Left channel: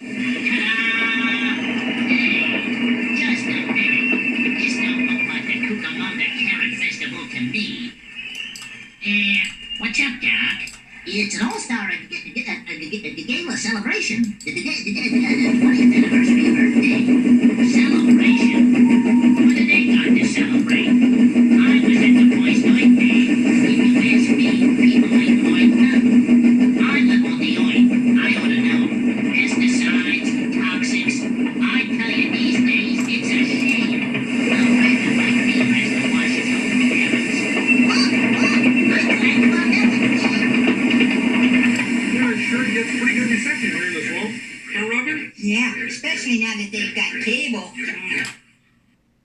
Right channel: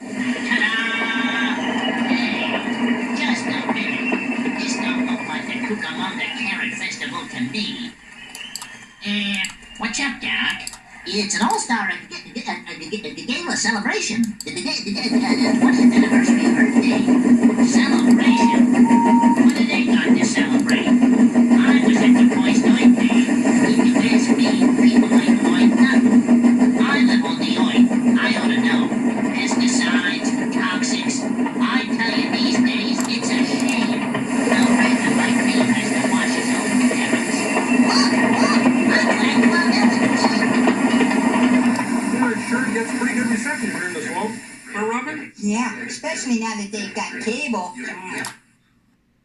Hey, just a minute. This don't look like the Cucamonga Carrot Festival to me. What's up, Doc? It's an all-star gala celebration. The 20th anniversary birthday.